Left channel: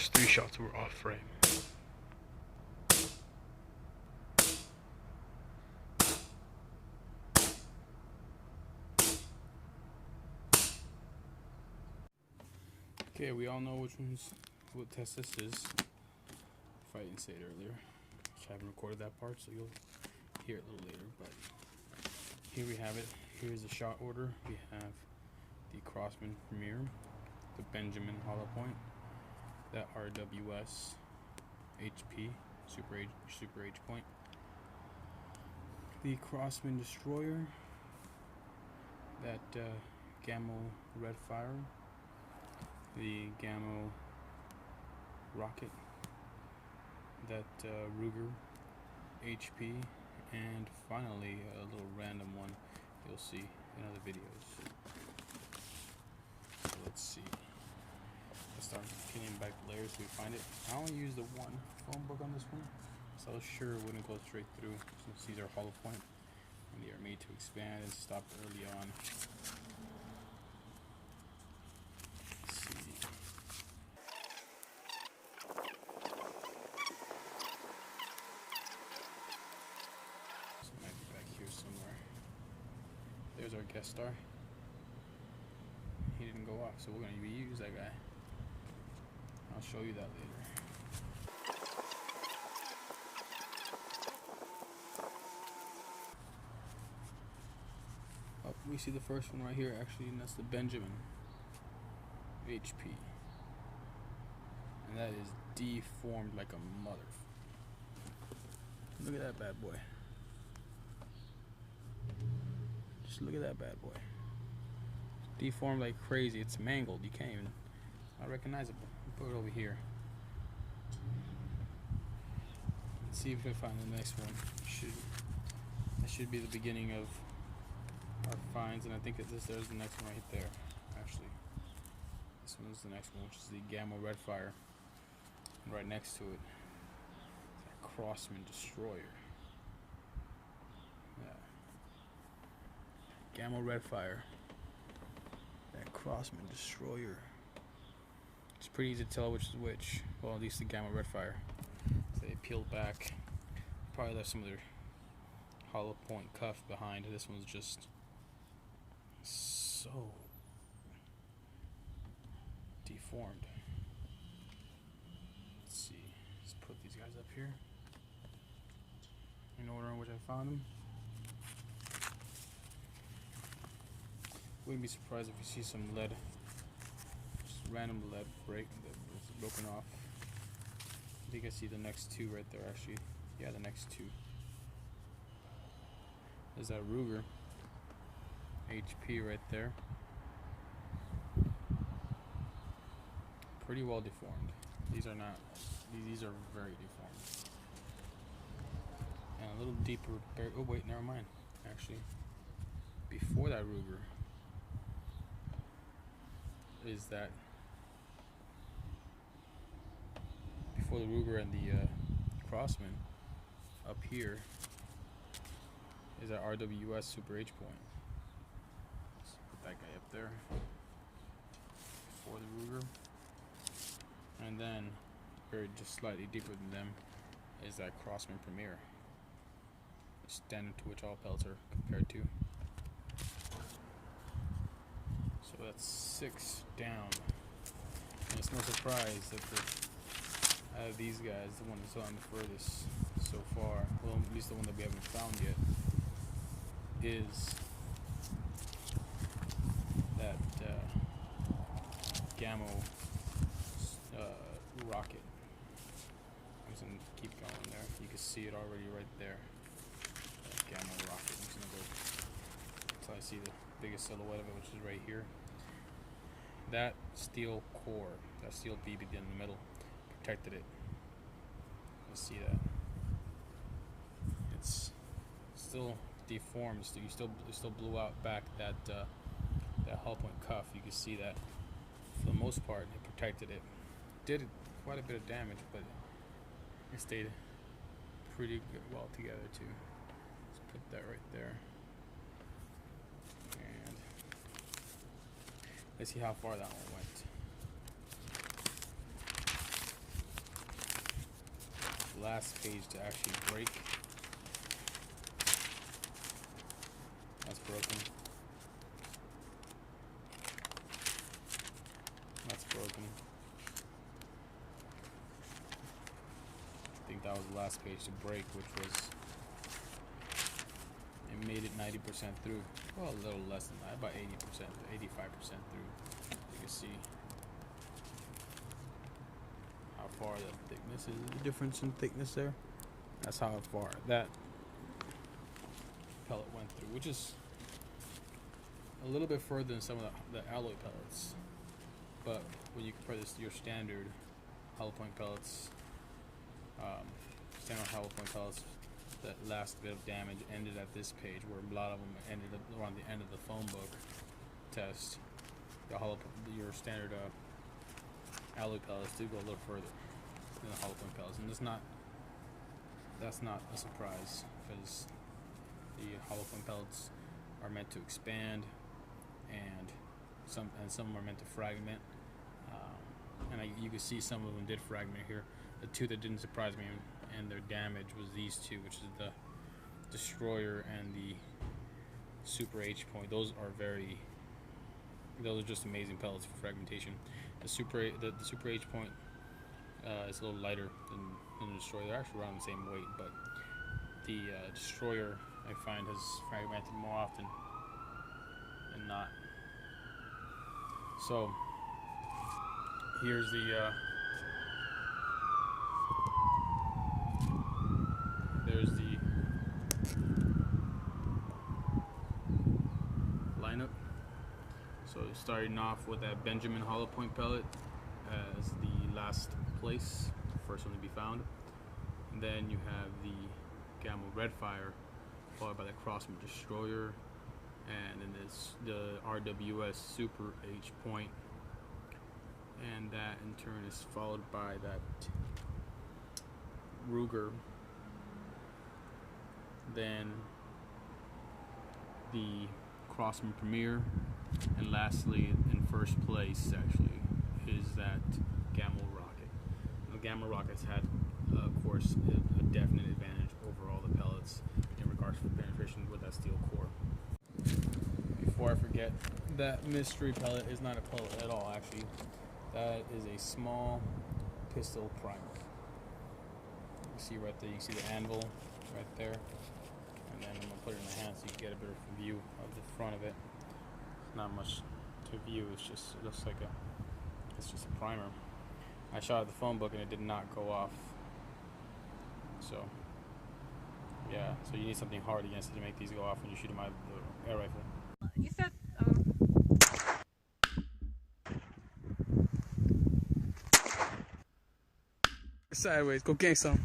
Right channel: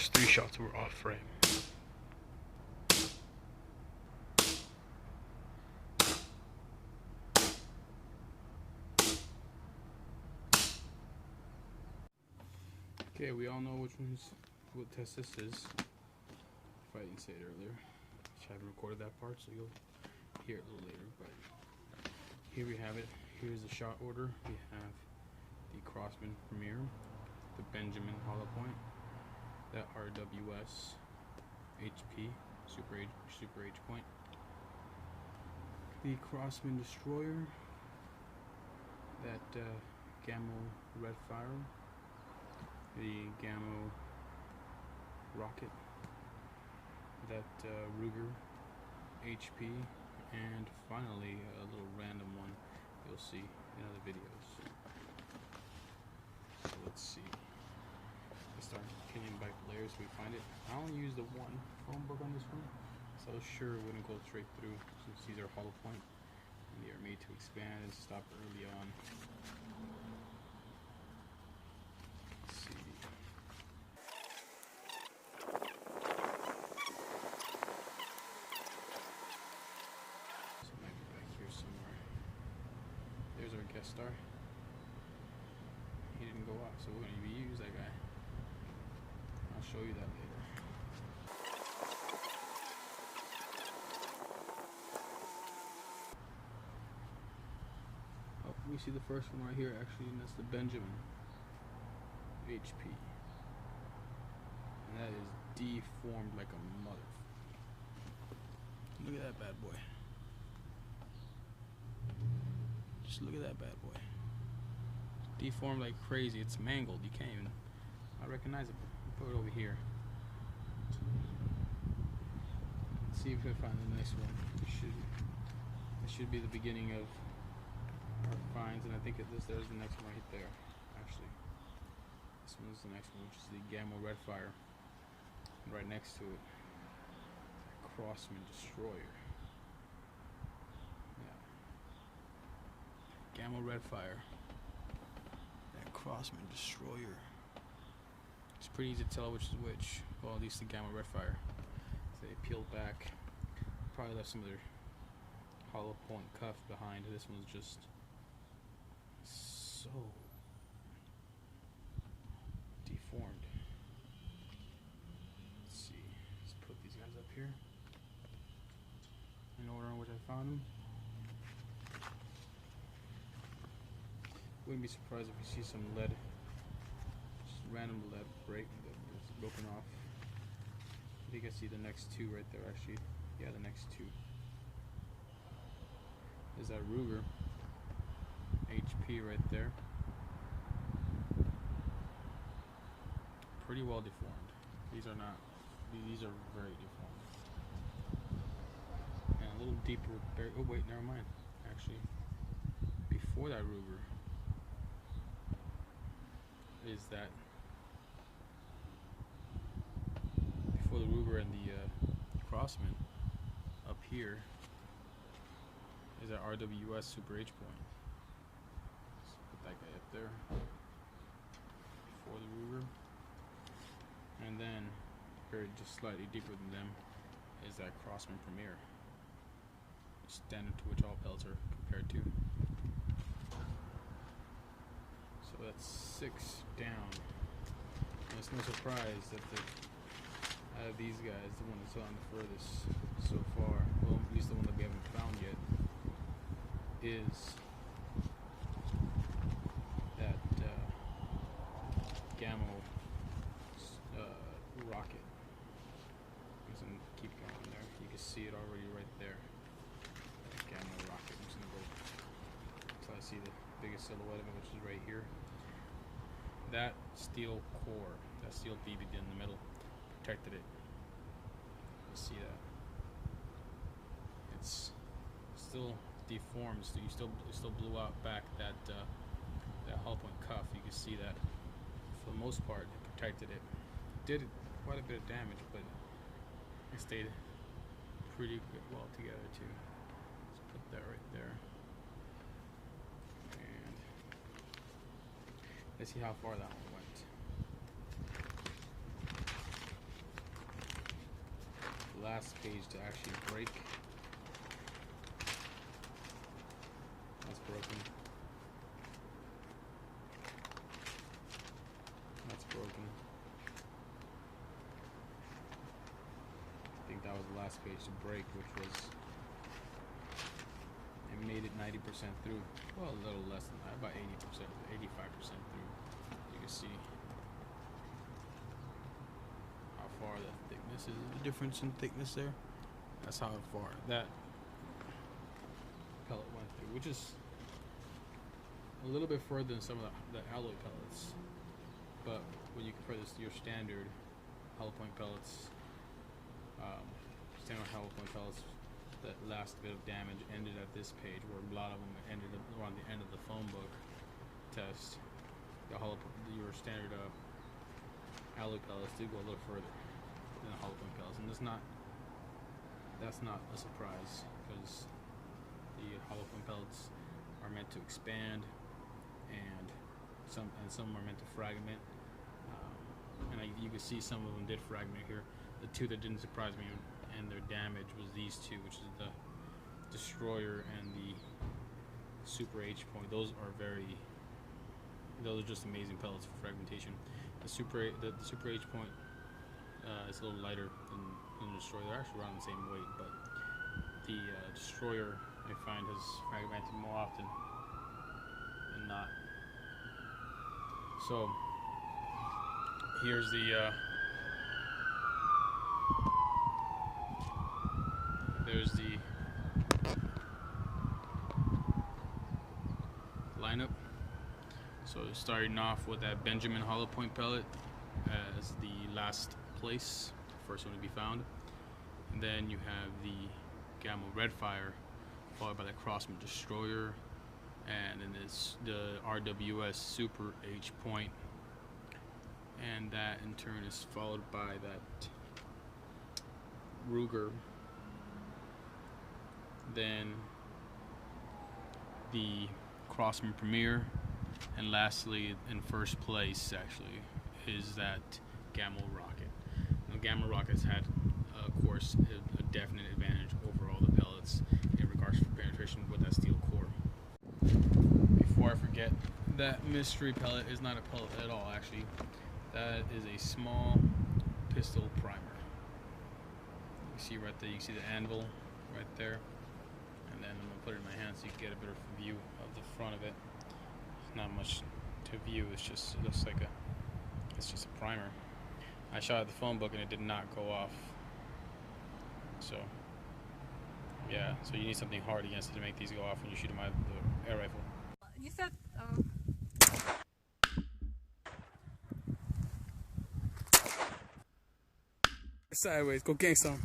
first 3 shots were off frame. Okay, we all know what test this is. If I didn't say it earlier, which I haven't recorded that part, so you'll hear it a little later. But here we have it. Here's the shot order. We have the Crossman Premier, the Benjamin hollow point, that RWS HP Super H point, the Crossman Destroyer, that Gamma Red Fire, the Gamma Rocket, that Ruger HP, and finally a little random one you'll see in other videos. So let's see. Let's start peeling back the layers so we find it. I only used the one phone book on this one, so I was sure it wouldn't go straight through since these are hollow point and they are made to expand and stop early on. There's our guest star. He didn't go off, so we're going to reuse that guy. I'll show you that later. Oh, we see the first one right here, actually, and that's the Benjamin HP. And that is deformed like a mother. Look at that bad boy. Just look at that bad boy. It's deformed like crazy. It's mangled. You can't even. Not recognizable. Put it over here. Let's see if I find the next one. It should be the beginning of our finds, and I think that there's the next one right there. Actually, this one is the next one, which is the Gamma Red Fire. And right next to it, Crossman Destroyer. Gamma Red Fire, that Crossman Destroyer. It's pretty easy to tell which is which. Well, at least the Gamma Red Fire. So they peeled back. Probably left some of their hollow point cuff behind. This one's just so deformed. Let's see. Let's put these guys up here in order in which I found them. Wouldn't be surprised if you see some lead, just random lead break that's broken off. I think I see the next 2 right there, actually. Yeah, the next 2. There's that Ruger HP right there. Pretty well deformed. These are not. These are very deformed. And a little deeper. Oh wait, never mind. Actually, before that Ruger is that before the Ruger and the Crossman, up here is that RWS Super H point. Let's put that guy up there before the Ruger, and then very just slightly deeper than them is that Crossman Premier, standing to which all pellets are compared to. So that's 6 down. And it's no surprise that out of these guys, the one that's on the furthest so far, well, at least the one that we haven't found yet, is that Gamma Rocket. I'm just gonna keep going there. You can see it already right there. Gamma Rocket. I'm just gonna go until I see the biggest silhouette of it, which is right here. That steel core, that steel bead in the middle, protected it. You see that? It's still deformed. So it still blew out back that that hull point cuff. You can see that. For the most part, it protected it. Did quite a bit of damage, but it stayed pretty good, well together too. Let's put that right there. And let's see how far that one went. last page to actually break. That's broken. That's broken. I think that was the last page to break, which was, it made it 90% through. Well, a little less than that, about 80%, 85% through. You can see how far that thickness is, the difference in thickness there. That's how far that pellet went through, which is a little bit further than some of the alloy pellets. But when you compare this to your standard hollow point pellets, standard hollow point pellets, that last bit of damage ended at this page, where a lot of them ended around the end of the phone book test. Your standard alloy pellets do go a little further than the hollow point pellets, and that's not a surprise, because the hollow point pellets are meant to expand, and some are meant to fragment. You can see some of them did fragment here. The two that didn't surprise me and their damage was these two, which is the Destroyer and the Super H point. Those are just amazing pellets for fragmentation. The Super H point is a little lighter than the Destroyer. They're actually around the same weight, but the Destroyer, I find, has fragmented more often than not. So here's there's the lineup. So starting off with that Benjamin hollow point pellet as the last place, first one to be found, and then you have the Gamma Redfire, followed by the Crossman Destroyer, and then it's the RWS Super H point, and that in turn is followed by that Ruger, then the Crossman Premier, and lastly, in first place actually, is that Gamma Rocket. Now, Gamma Rocket's had, of course, a definite advantage over all the pellets in regards to penetration with that steel core. Before I forget, that mystery pellet is not a pellet at all, actually. That is a small pistol primer. You see right there, you see the anvil right there. And then I'm going to put it in my hand so you can get a better view of the front of it. It's not much to view, it looks like it's just a primer. I shot at the phone book and it did not go off. So, yeah, so you need something hard against it to make these go off when you shoot them out of the air rifle. You said, Sideways, go gang some.